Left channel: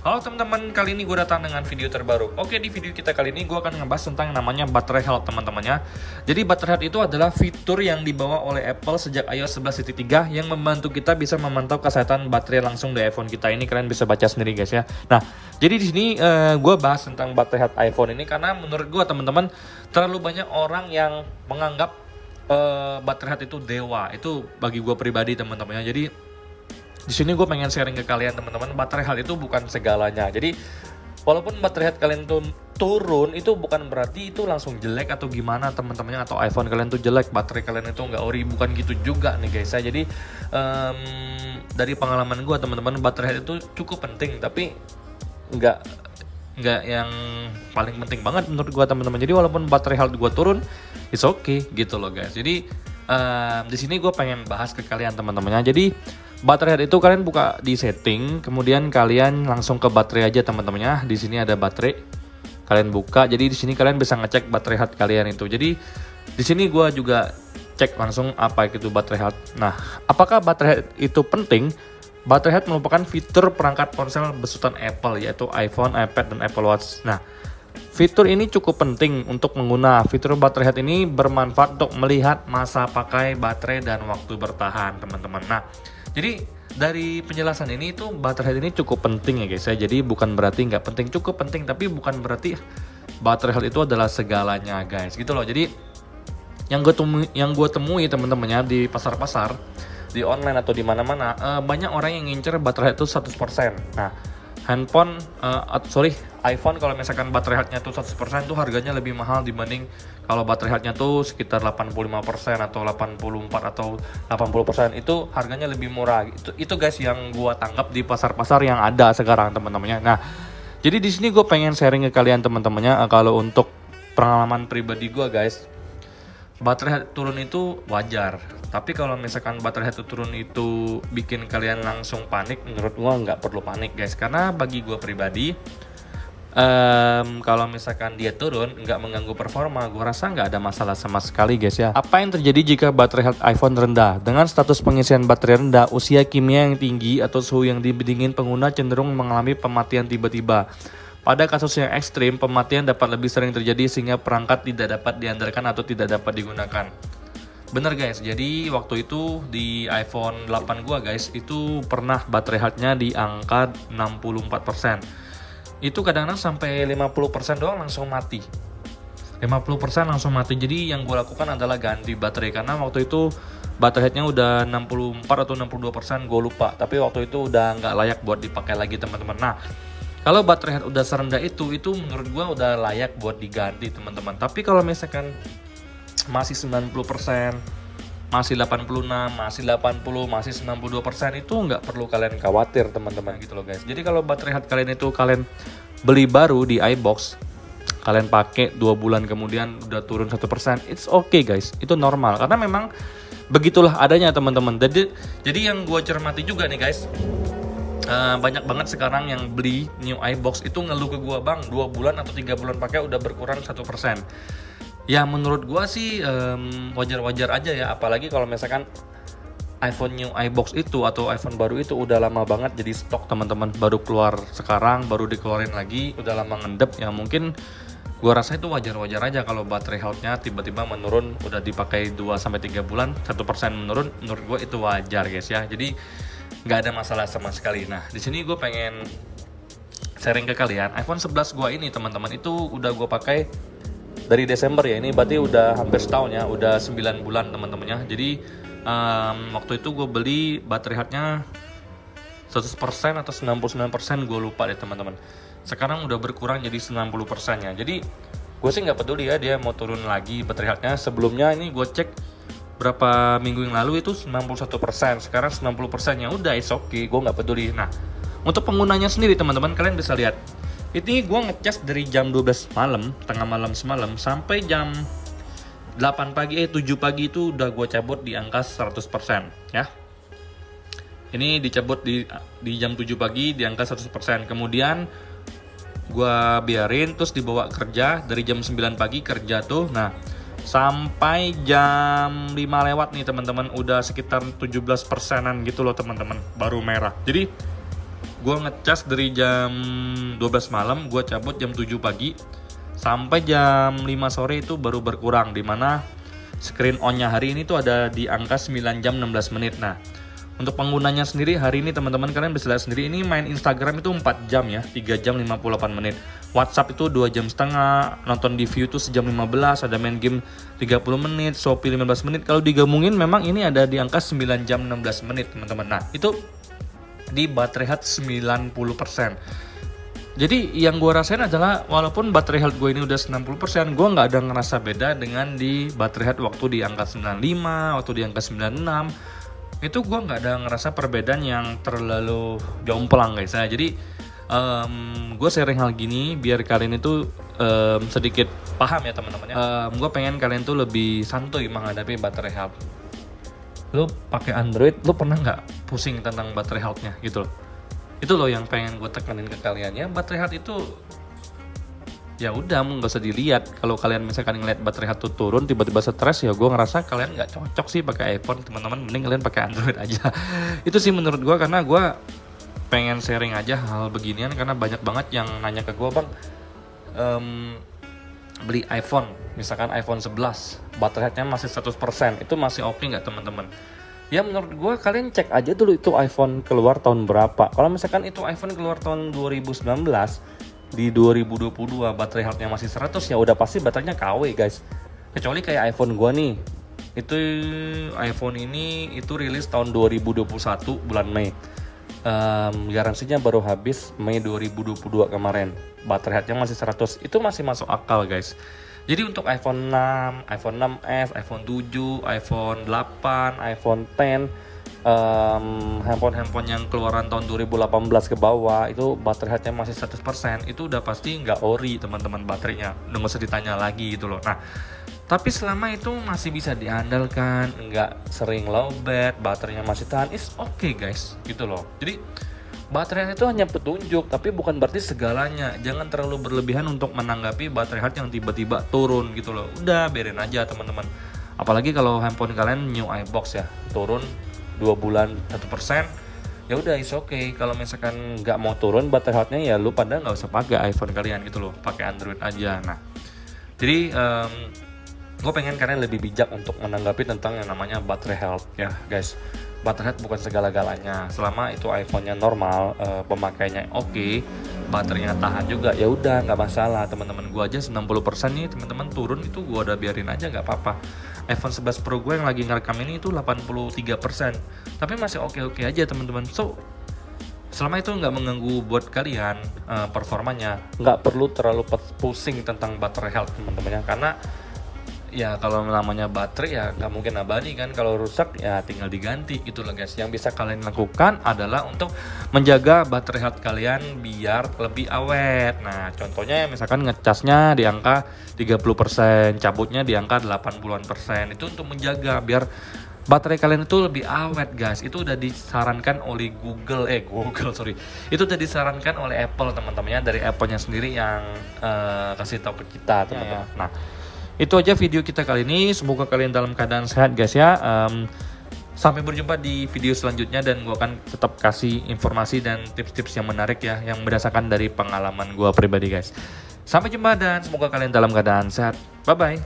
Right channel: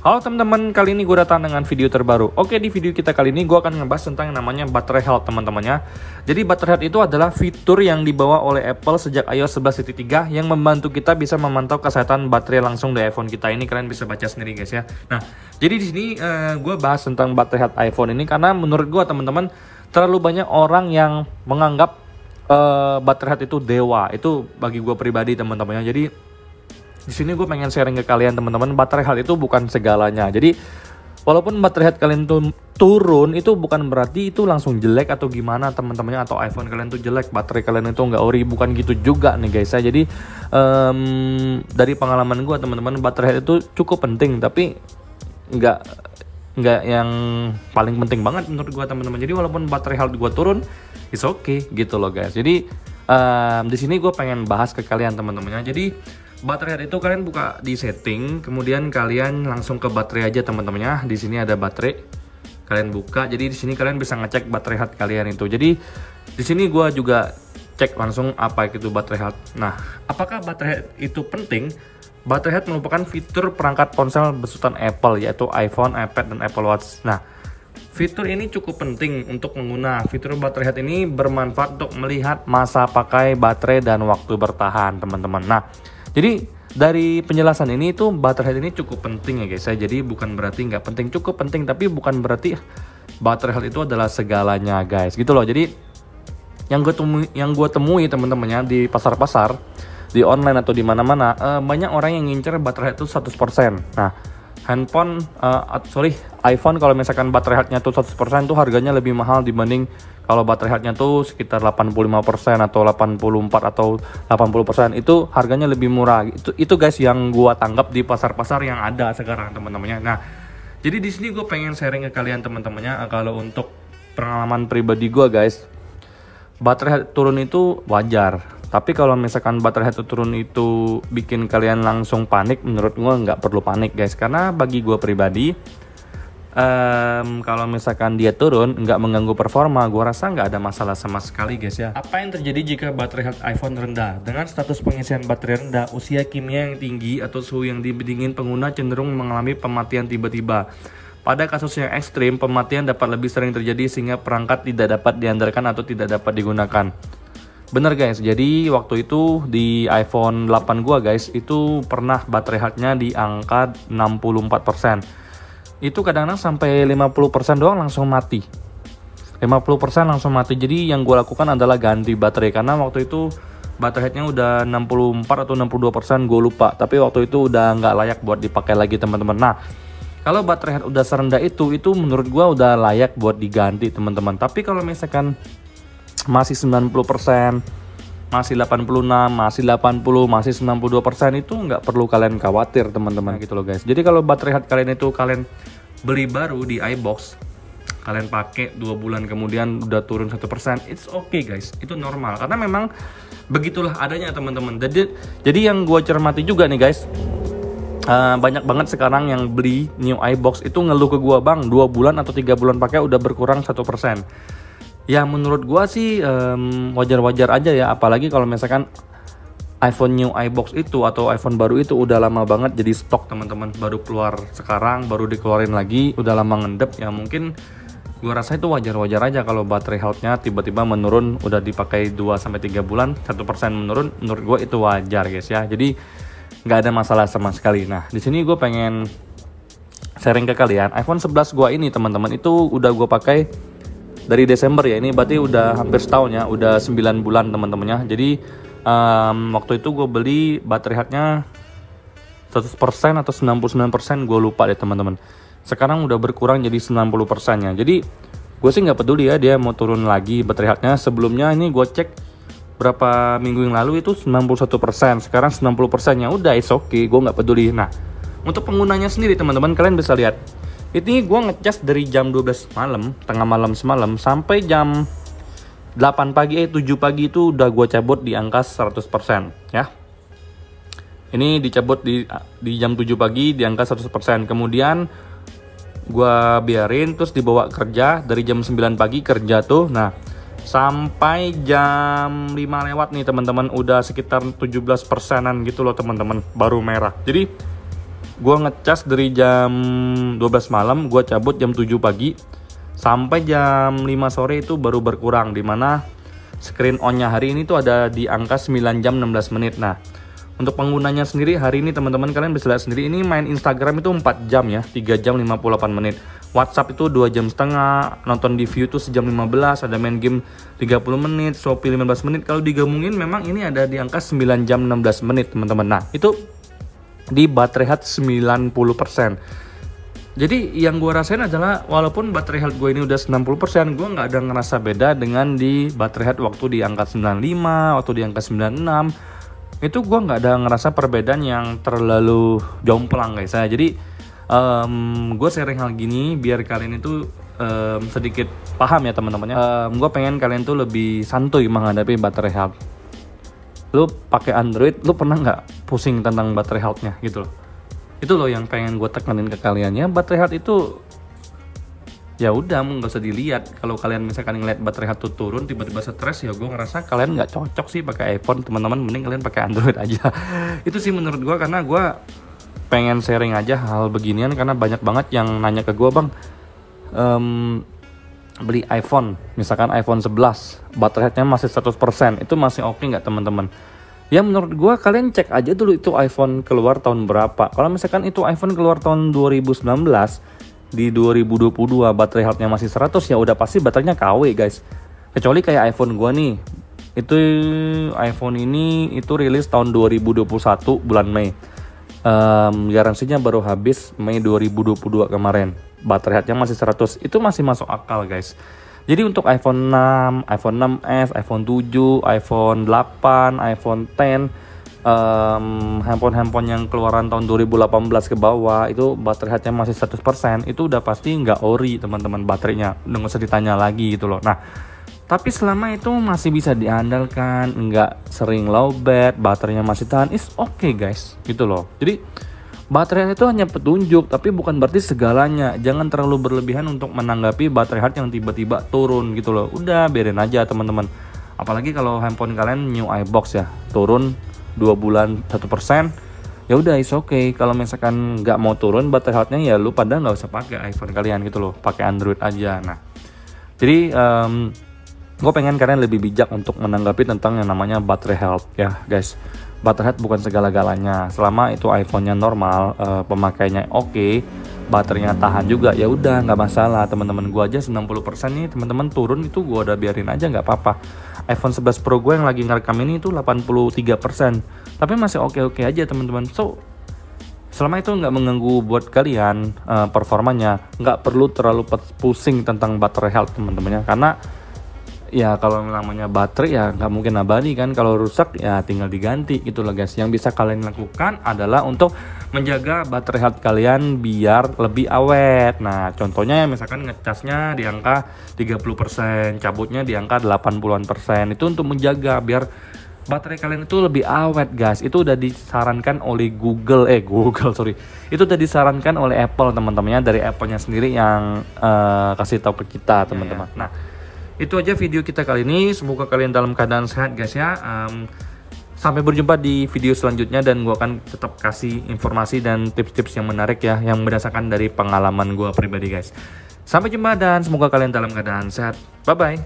Halo teman-teman, kali ini gue datang dengan video terbaru. Oke, di video kita kali ini gue akan ngebahas tentang yang namanya baterai health teman-temannya. Jadi baterai health itu adalah fitur yang dibawa oleh Apple sejak iOS 11.3 yang membantu kita bisa memantau kesehatan baterai langsung di iPhone kita. Ini kalian bisa baca sendiri guys ya. Nah, jadi di sini gue bahas tentang baterai health iPhone ini karena menurut gue teman-teman terlalu banyak orang yang menganggap baterai health itu dewa. Itu bagi gue pribadi teman-temannya. Jadi di sini gue pengen sharing ke kalian teman-teman, baterai health itu bukan segalanya. Jadi walaupun baterai health kalian tuh turun, itu bukan berarti itu langsung jelek atau gimana teman-temannya, atau iPhone kalian tuh jelek, baterai kalian itu nggak ori, bukan gitu juga nih guys ya. Jadi dari pengalaman gue teman-teman, baterai health itu cukup penting, tapi nggak yang paling penting banget menurut gue teman-teman. Jadi walaupun baterai health gue turun, it's okay gitu loh guys. Jadi di sini gue pengen bahas ke kalian teman-temannya. Jadi baterai health itu kalian buka di setting, kemudian kalian langsung ke baterai aja teman-temannya. Di sini ada baterai, kalian buka. Jadi di sini kalian bisa ngecek baterai health kalian itu. Jadi di sini gue juga cek langsung apa itu baterai health. Nah, apakah baterai health itu penting? Baterai health merupakan fitur perangkat ponsel besutan Apple, yaitu iPhone, iPad, dan Apple Watch. Nah, fitur ini cukup penting untuk pengguna. Fitur baterai health ini bermanfaat untuk melihat masa pakai baterai dan waktu bertahan teman-teman. Nah, jadi dari penjelasan ini tuh baterai health ini cukup penting ya guys ya. Jadi bukan berarti nggak penting, cukup penting, tapi bukan berarti baterai health itu adalah segalanya guys, gitu loh. Jadi yang gue temui teman-temannya di pasar-pasar, di online atau di mana-mana, banyak orang yang ngincer baterai health itu 100%. Nah, iPhone kalau misalkan baterai health-nya tuh 100% tuh harganya lebih mahal dibanding kalau baterai health-nya tuh sekitar 85% atau 84 atau 80%, itu harganya lebih murah. Itu guys yang gua tanggap di pasar-pasar yang ada sekarang teman-temannya. Nah, jadi di sini gue pengen sharing ke kalian teman-temannya, kalau untuk pengalaman pribadi gua guys, baterai health turun itu wajar. Tapi kalau misalkan baterai health turun itu bikin kalian langsung panik, menurut gue nggak perlu panik guys. Karena bagi gue pribadi, kalau misalkan dia turun nggak mengganggu performa, gue rasa nggak ada masalah sama sekali guys ya. Apa yang terjadi jika baterai health iPhone rendah? Dengan status pengisian baterai rendah, usia kimia yang tinggi, atau suhu yang dingin, pengguna cenderung mengalami pematian tiba-tiba. Pada kasus yang ekstrim, pematian dapat lebih sering terjadi sehingga perangkat tidak dapat diandalkan atau tidak dapat digunakan. Bener guys, jadi waktu itu di iPhone 8 gua guys, itu pernah baterai health-nya di angka 64%. Itu kadang-kadang sampai 50% doang langsung mati. 50% langsung mati. Jadi yang gua lakukan adalah ganti baterai, karena waktu itu baterai health-nya udah 64 atau 62%, gue lupa. Tapi waktu itu udah nggak layak buat dipakai lagi teman-teman. Nah, kalau baterai health udah serendah itu menurut gua udah layak buat diganti teman-teman. Tapi kalau misalkan masih 90%, masih 86, masih 80, masih 92%, itu nggak perlu kalian khawatir teman-teman gitu loh guys. Jadi kalau baterai health kalian itu kalian beli baru di iBox, kalian pakai 2 bulan kemudian udah turun 1%, it's okay guys, itu normal. Karena memang begitulah adanya teman-teman. Jadi yang gue cermati juga nih guys, banyak banget sekarang yang beli new iBox itu ngeluh ke gue, bang 2 bulan atau 3 bulan pakai udah berkurang 1%. Ya menurut gua sih wajar-wajar aja ya, apalagi kalau misalkan iPhone new iBox itu atau iPhone baru itu udah lama banget jadi stok teman-teman, baru keluar sekarang, baru dikeluarin lagi, udah lama ngendep ya. Mungkin gua rasa itu wajar-wajar aja kalau baterai health-nya tiba-tiba menurun, udah dipakai 2-3 bulan 1% menurun, menurut gua itu wajar guys ya. Jadi nggak ada masalah sama sekali. Nah di sini gue pengen sharing ke kalian, iPhone 11 gua ini teman-teman itu udah gue pakai dari Desember ya, ini berarti udah hampir setahun ya, udah 9 bulan teman-temannya. Jadi waktu itu gue beli baterai health-nya 100% atau 99%, gue lupa deh teman-teman. Sekarang udah berkurang jadi 90%-nya. Jadi gue sih nggak peduli ya dia mau turun lagi baterai health-nya. Sebelumnya ini gue cek berapa minggu yang lalu itu 91%, sekarang 90%-nya, udah it's okay, gue nggak peduli. Nah untuk penggunanya sendiri teman-teman, kalian bisa lihat ini gue ngecas dari jam 12 malam, tengah malam semalam, sampai jam 7 pagi itu udah gue cabut di angka 100% ya. Ini dicabut di jam 7 pagi di angka 100%. Kemudian gue biarin terus dibawa kerja dari jam 9 pagi kerja tuh. Nah sampai jam 5 lewat nih teman-teman, udah sekitar 17%-an gitu loh teman-teman, baru merah. Jadi gue ngecas dari jam 12 malam, gue cabut jam 7 pagi sampai jam 5 sore itu baru berkurang, dimana screen on-nya hari ini tuh ada di angka 9 jam 16 menit. Nah, untuk penggunanya sendiri hari ini teman-teman kalian bisa lihat sendiri, ini main Instagram itu 4 jam ya, 3 jam 58 menit. WhatsApp itu 2 jam setengah, nonton di View itu sejam 15, ada main game 30 menit, Shopee 15 menit. Kalau digabungin memang ini ada di angka 9 jam 16 menit teman-teman. Nah, itu di baterai health 90%. Jadi yang gue rasain adalah walaupun baterai health gue ini udah 90%, gue nggak ada ngerasa beda dengan di baterai health waktu di angka 95, waktu di angka 96. Itu gue nggak ada ngerasa perbedaan yang terlalu jomplang guys. Jadi gue sharing hal gini biar kalian itu sedikit paham ya teman-teman. Gue pengen kalian tuh lebih santuy menghadapi baterai health. Lu pakai Android, lu pernah nggak pusing tentang baterai health-nya gitu loh. Itu loh yang pengen gue tekanin ke kalian ya. Baterai health itu ya udah nggak usah dilihat. Kalau kalian misalkan ngeliat baterai health tuh turun tiba-tiba stres, ya gue ngerasa kalian nggak cocok sih pakai iPhone teman-teman. Mending kalian pakai Android aja. Itu sih menurut gue, karena gue pengen sharing aja hal beginian karena banyak banget yang nanya ke gue, bang, beli iPhone, misalkan iPhone 11 baterai health-nya masih 100%, itu masih oke nggak teman-teman? Ya menurut gue kalian cek aja dulu itu iPhone keluar tahun berapa. Kalau misalkan itu iPhone keluar tahun 2019, di 2022 baterai health-nya masih 100, ya udah pasti baterainya KW guys. Kecuali kayak iPhone gue nih, itu iPhone ini itu rilis tahun 2021 bulan Mei. Garansinya baru habis Mei 2022 kemarin. Baterai health-nya masih 100, itu masih masuk akal guys. Jadi untuk iPhone 6, iPhone 6s, iPhone 7, iPhone 8, iPhone 10, handphone-handphone yang keluaran tahun 2018 ke bawah itu baterai health-nya masih 100%, itu udah pasti nggak ori teman-teman baterainya, udah nggak usah ditanya lagi gitu loh. Nah, tapi selama itu masih bisa diandalkan, nggak sering lowbat, baterainya masih tahan, is okay guys gitu loh. Jadi baterai itu hanya petunjuk, tapi bukan berarti segalanya. Jangan terlalu berlebihan untuk menanggapi baterai health yang tiba-tiba turun gitu loh. Udah biarin aja teman-teman. Apalagi kalau handphone kalian new iBox ya, turun 2 bulan 1%, ya udah is okay. Kalau misalkan nggak mau turun baterai health-nya, ya lu pada nggak usah pakai iPhone kalian gitu loh, pakai Android aja. Nah, jadi gue pengen kalian lebih bijak untuk menanggapi tentang yang namanya baterai health ya guys. Baterai health bukan segala-galanya. Selama itu iPhone-nya normal, pemakainya oke, baterainya tahan juga, ya udah nggak masalah teman-teman. Gue aja 90% nih teman-teman turun itu gue udah biarin aja, nggak apa-apa. iPhone 11 Pro gue yang lagi ngerekam ini itu 83%, tapi masih oke-oke aja teman-teman. So selama itu nggak mengganggu buat kalian performanya, nggak perlu terlalu pusing tentang baterai health teman-temannya, karena ya kalau namanya baterai ya nggak mungkin abadi kan. Kalau rusak ya tinggal diganti gitu loh guys. Yang bisa kalian lakukan adalah untuk menjaga baterai health kalian biar lebih awet. Nah contohnya misalkan ngecasnya di angka 30%, cabutnya di angka 80%, itu untuk menjaga biar baterai kalian itu lebih awet guys. Itu udah disarankan oleh Google itu udah disarankan oleh Apple teman-temannya, dari Apple-nya sendiri yang kasih tahu ke kita teman-teman. Nah itu aja video kita kali ini. Semoga kalian dalam keadaan sehat guys ya. Sampai berjumpa di video selanjutnya, dan gue akan tetap kasih informasi dan tips-tips yang menarik ya, yang berdasarkan dari pengalaman gue pribadi guys. Sampai jumpa dan semoga kalian dalam keadaan sehat. Bye bye.